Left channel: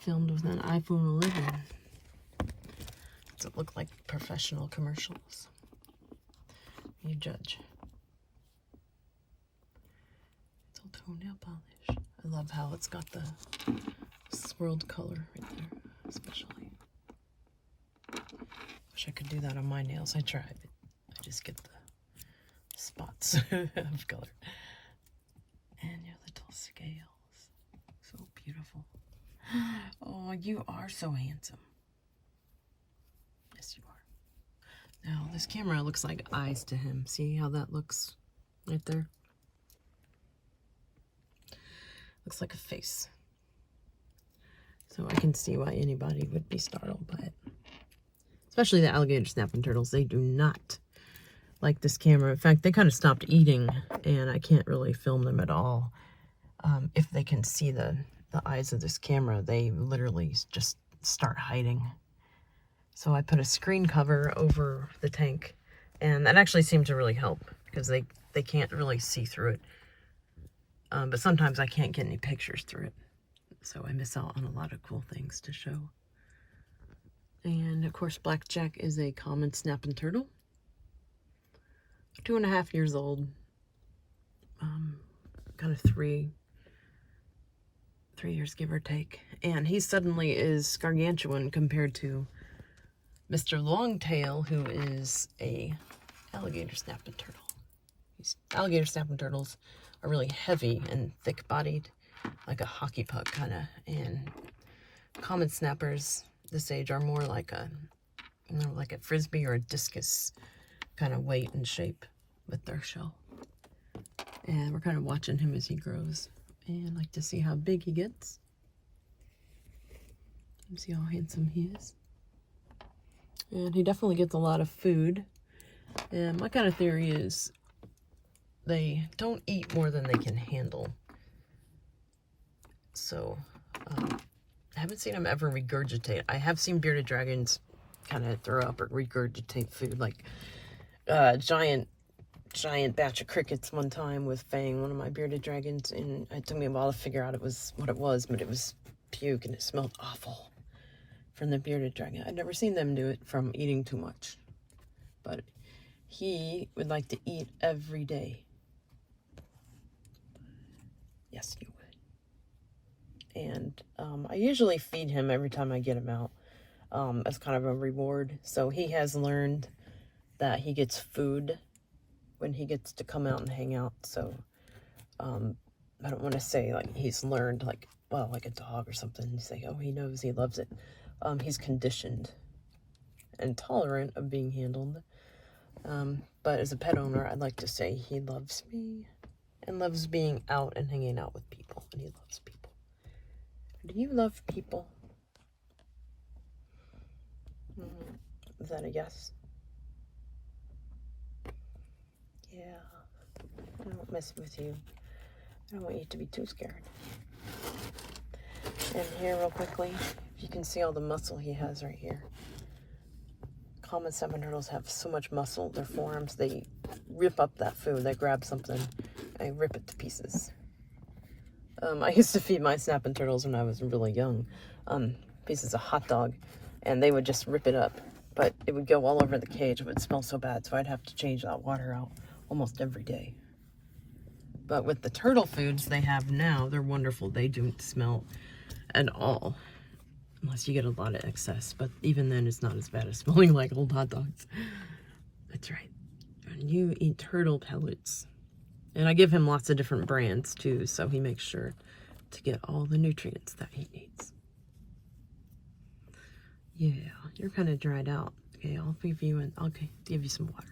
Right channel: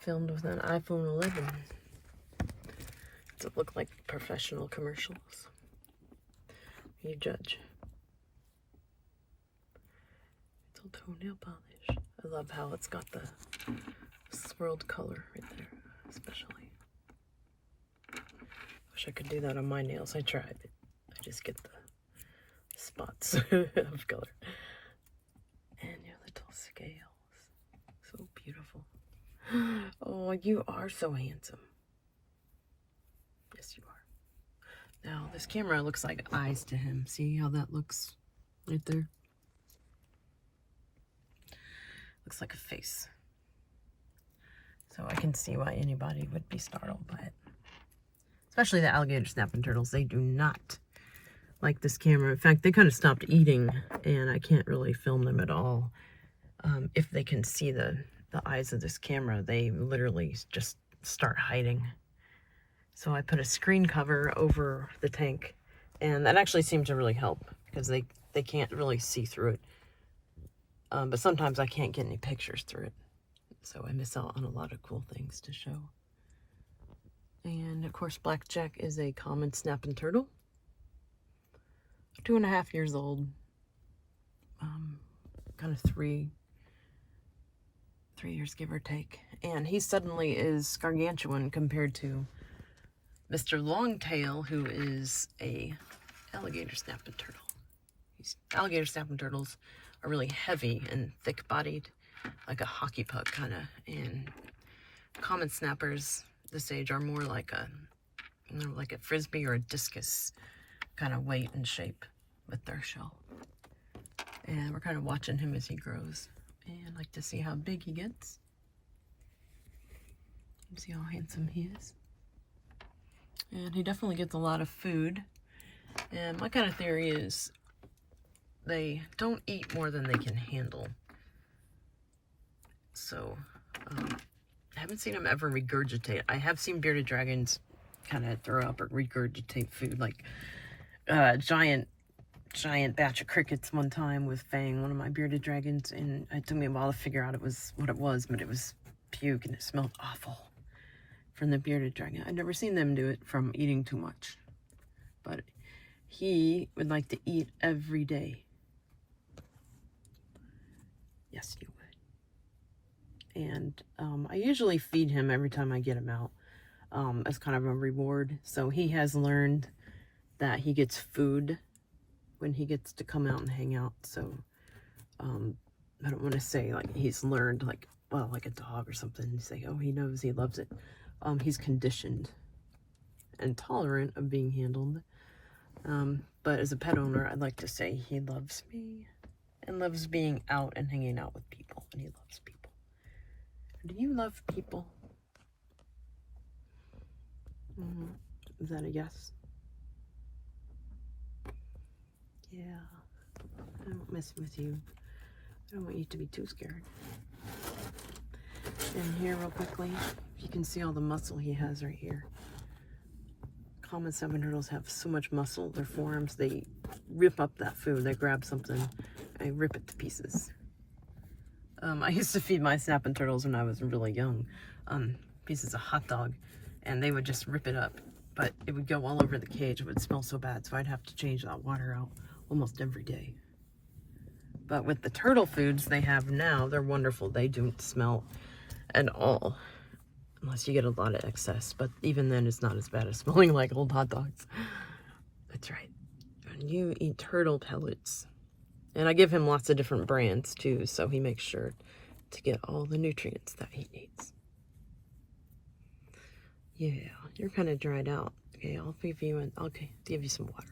filmed with an iPhone 11. Does it look like professional commercials? You judge. It's all toenail polish. I love how it's got the swirled color right there, especially. Wish I could do that on my nails. I tried, but I just get the spots of color. And your little scales. So beautiful. Oh, you are so handsome. Yes, you are. Now, this camera looks like eyes to him. See how that looks right there? Looks like a face. So I can see why anybody would be startled by it. Especially the alligator snapping turtles. They do not like this camera. In fact, they kind of stopped eating, and I can't really film them at all. If they can see the eyes of this camera, they literally just start hiding. So I put a screen cover over the tank, and that actually seemed to really help because they can't really see through it. But sometimes I can't get any pictures through it. So I miss out on a lot of cool things to show. And of course, Blackjack is a common snapping turtle. 2.5 years old. Kind of 3 years, give or take. And he suddenly is gargantuan compared to Mr. Longtail, who is a alligator snapping turtle. Alligator snapping turtles are really heavy and thick-bodied, like a hockey puck kind of. And common snappers this age are more like a, like a frisbee or a discus kind of weight and shape with their shell. And we're kind of watching him as he grows, and like to see how big he gets. You see how handsome he is. And he definitely gets a lot of food. And my kind of theory is they don't eat more than they can handle. So, I haven't seen them ever regurgitate. I have seen bearded dragons kind of throw up or regurgitate food, like giant batch of crickets one time with Fang, one of my bearded dragons, and it took me a while to figure out what it was, but it was puke and it smelled awful from the bearded dragon. I've never seen them do it from eating too much, but he would like to eat every day. Yes, you would. And I usually feed him every time I get him out as kind of a reward. So he has learned that he gets food when he gets to come out and hang out. So I don't want to say like he's learned like, well, like a dog or something, and say, oh, he knows, he loves it. He's conditioned and tolerant of being handled. But as a pet owner, I'd like to say he loves me and loves being out and hanging out with people, and he loves people. Do you love people? Is that a yes? Yeah. I don't mess with you. I don't want you to be too scared. And here real quickly, you can see all the muscle he has right here. Common snapping turtles have so much muscle. Their forearms, they rip up that food. They grab something, they rip it to pieces. I used to feed my snapping turtles when I was really young, pieces of hot dog, and they would just rip it up. But it would go all over the cage. It would smell so bad, so I'd have to change that water out almost every day. But with the turtle foods they have now, they're wonderful. They don't smell at all, unless you get a lot of excess. But even then, it's not as bad as smelling like old hot dogs. That's right. And you eat turtle pellets. And I give him lots of different brands too, so he makes sure to get all the nutrients that he needs. Yeah, you're kind of dried out. Okay, I'll give you some water.